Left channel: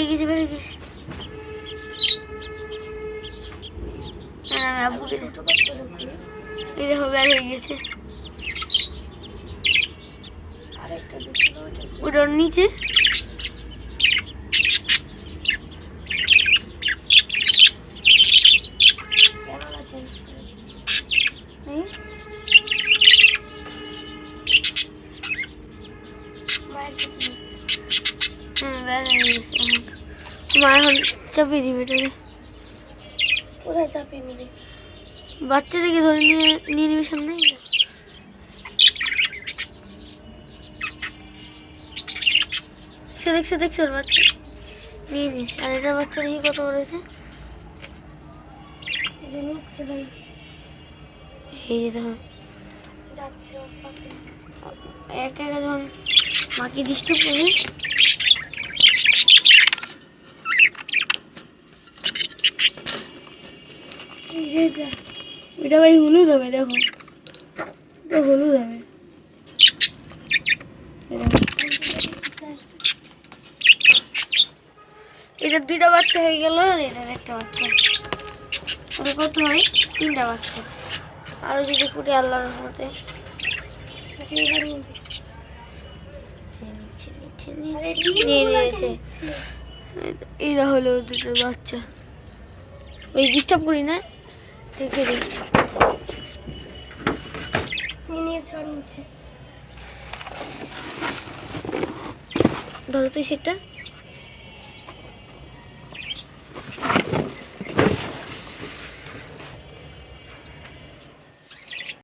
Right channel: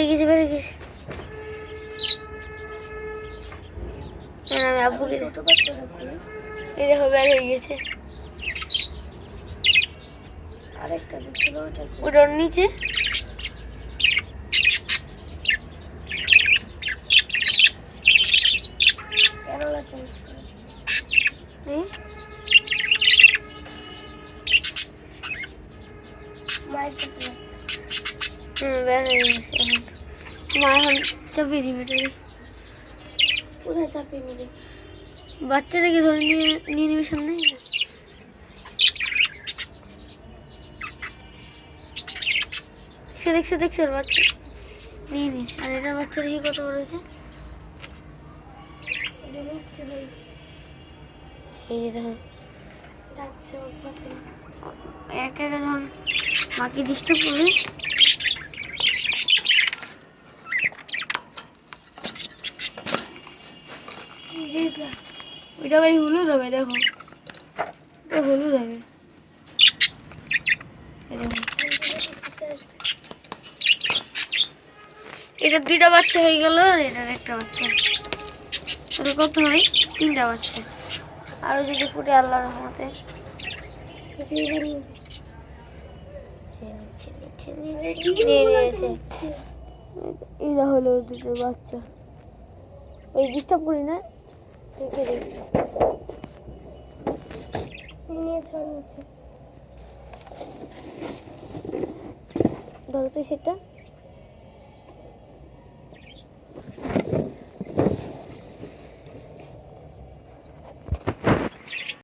বেরিয়ে গেছে বেরিয়ে গেছে। আমি আব্বুকে ছোট বাচ্চারা কই? এই দেখো বের হয়ে গেছে। আরেকটা যে ছিল ওটা কি? ওটার নিচে ক্যামেরা চেঞ্জ করে নেই। মায়ের কাছে যাচ্ছে। বের হয়ে গেছে এখন। মা এখন চাপিয়ে দিবে এটাকে। কোথায় চাপিয়ে নিবি? বাচ্চাটাকে ধরে নিয়ে নিয়ে নিবে সামনে। সে দেখছে দেখছে ওর বাচ্চা নিয়ে নিস। আর এটা বাচ্চা দেখি কত করেছে। এই যে নিচ্ছে ভাই, এই যে দেখো যাচ্ছে ওর পাখি। একা একা যখন মাকে ডিস্টার্ব করবে এই যা ওইটা ভাই হলুদ হবে। দেখো এটা হলুদ হবে। এই দেখো। এটার 2টা বাচ্চা হয়ে গেল আর এটার একটা বাচ্চা। তাহলে কত হয়? 3টা বাচ্চা। আরো যদি ফুটে আল্লাহর রহমতে। নিয়ে নিয়েছে। এরা হলো 2টো বাচ্চা। ওই ডিস্টার্ব করি না, রেখে দিই। নিয়েছে আর নিচ্ছে। ধরো তো সেটা।